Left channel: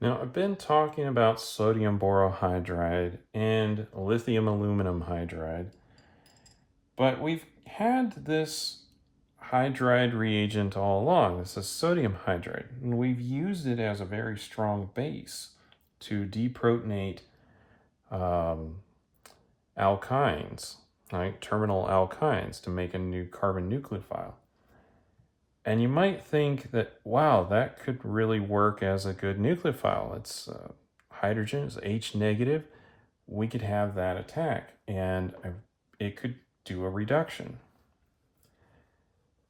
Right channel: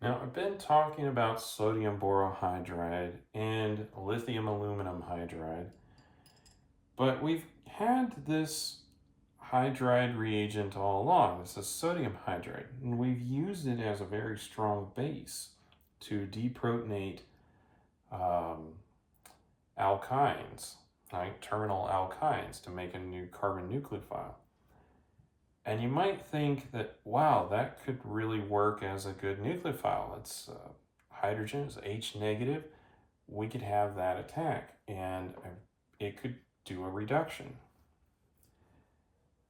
Now, I've been talking about sodium borohydride and lithium aluminum hydride, but we've had this hydride reagent all along. This is sodium hydride, and we've used it as a very strong base to deprotonate um, alkynes, right? Terminal alkynes to make a new carbon nucleophile. And you might think that, wow, that could really work as a good nucleophile. It's hydrogen is H negative. We could have that attack and it could do a reduction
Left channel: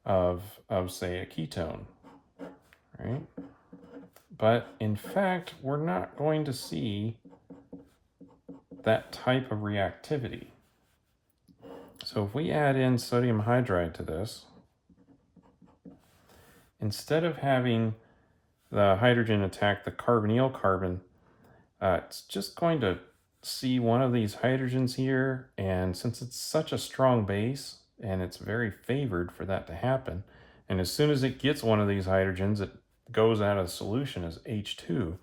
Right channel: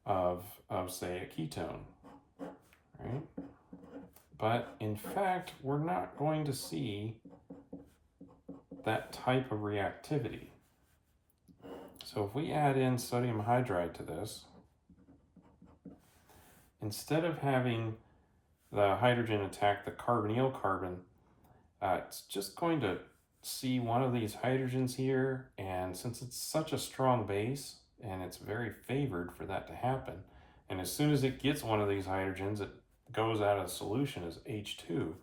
of say a ketone, right? But in fact, we're not going to see that type of reactivity. So if we add in sodium hydride to this, instead of having the hydrogen attack the carbonyl carbon, it's just going to see one of these hydrogens here, and since it's such a strong base and it's very favored for that to happen, and as soon as it gets one of these hydrogens, it goes out of the solution as H2.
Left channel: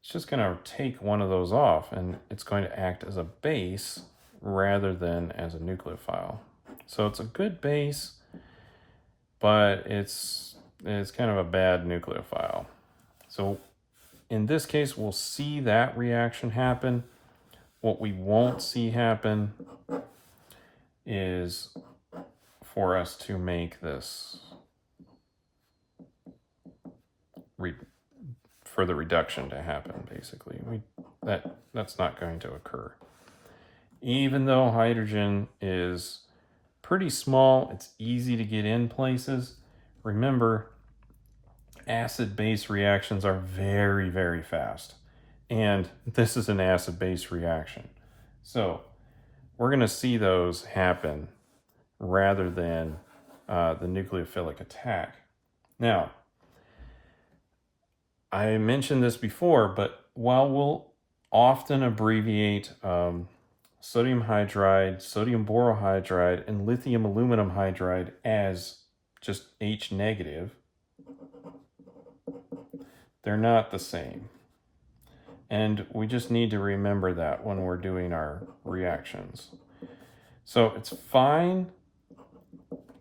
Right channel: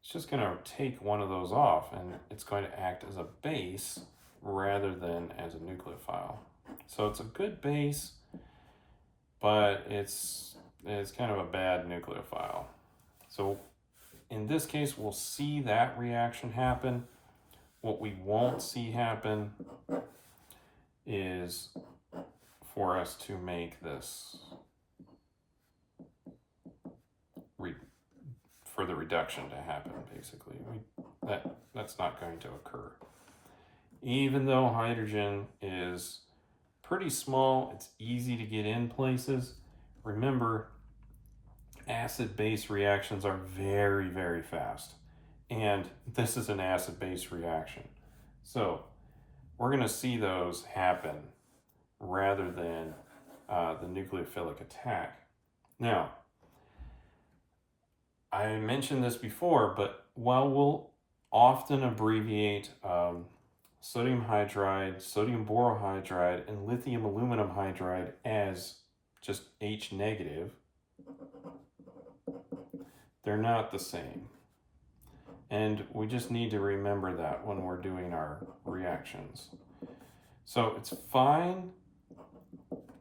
It's just going to take one of those off, and it's going to act as a base rather than as a nucleophile. So it's a good base, but it's kind of a bad nucleophile. So in this case, we'll see that reaction happen. What we won't see happen is for us to make this for the reduction to happen, basically. That's not going to occur. Even though hydrogen is pretty small, it's easy to get in places. Remember, acid-base reactions are very, very fast. And this is an acid-base reaction. So we're going to see those happen rather than the nucleophilic attack. Now, I mentioned this before, but while we'll often abbreviate sodium hydride, sodium borohydride, and lithium aluminum hydride as just H negative, they're not the same. And we just need to remember that when we're doing our reactions. So it's fine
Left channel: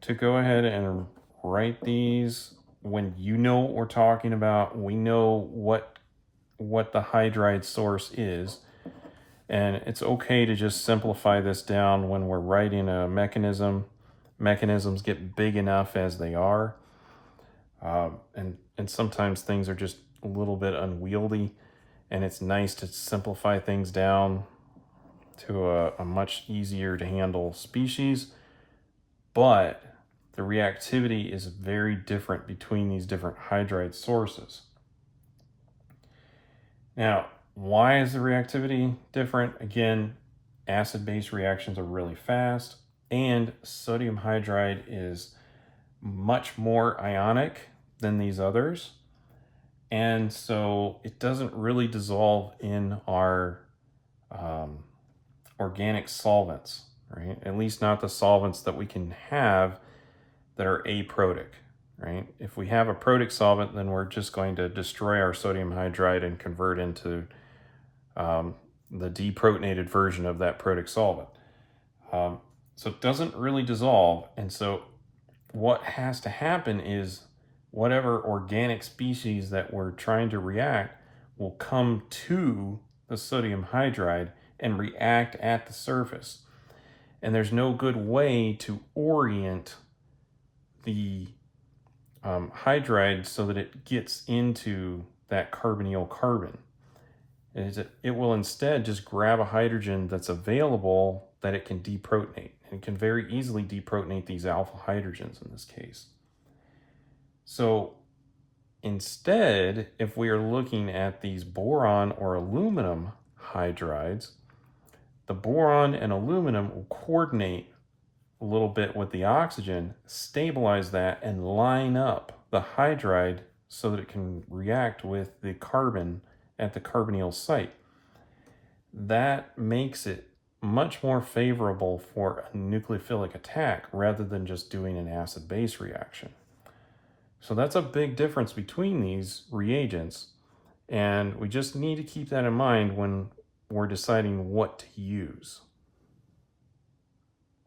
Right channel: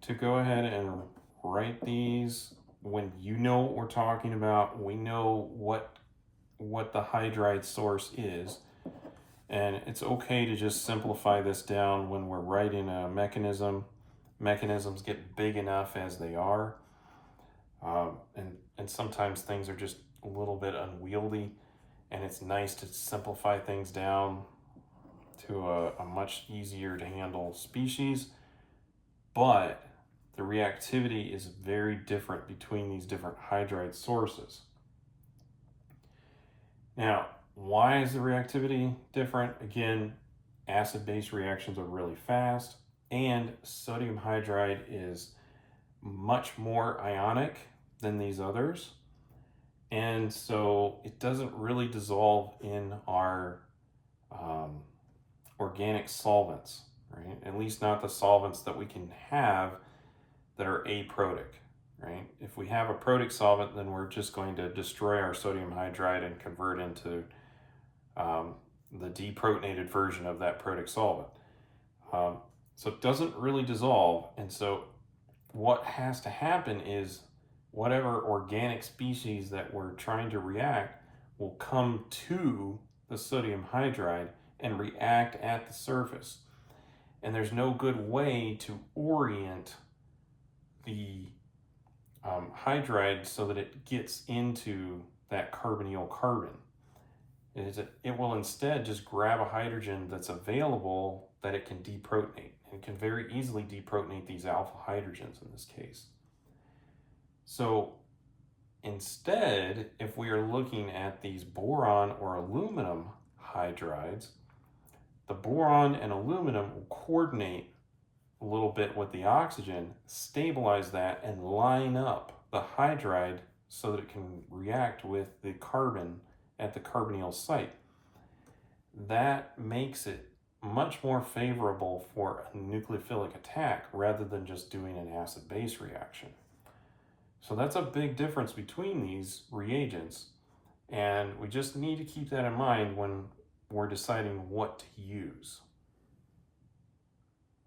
to go ahead and write these when you know what we're talking about. We know what the hydride source is. And it's okay to just simplify this down when we're writing a mechanism. Mechanisms get big enough as they are. And sometimes things are just a little bit unwieldy, and it's nice to simplify things down to a much easier to handle species. But the reactivity is very different between these different hydride sources. Now, why is the reactivity different? Again, acid-base reactions are really fast, and sodium hydride is much more ionic than these others. And so it doesn't really dissolve in our organic solvents, right? At least not the solvents that we can have that are aprotic, right? If we have a protic solvent, then we're just going to destroy our sodium hydride and convert into the deprotonated version of that protic solvent. So it doesn't really dissolve, and so what has to happen is whatever organic species that we're trying to react will come to the sodium hydride and react at the surface. And there's no good way to orient the hydride so that it gets into that carbonyl carbon. It will instead just grab a hydrogen that's available that it can deprotonate. And it can very easily deprotonate these alpha hydrogens in this case. So instead, if we are looking at these boron or aluminum hydrides, the boron and aluminum will coordinate a little bit with the oxygen, stabilize that, and line up the hydride so that it can react with the carbon at the carbonyl site. That makes it much more favorable for a nucleophilic attack rather than just doing an acid-base reaction. So that's a big difference between these reagents. And we just need to keep that in mind when we're deciding what to use.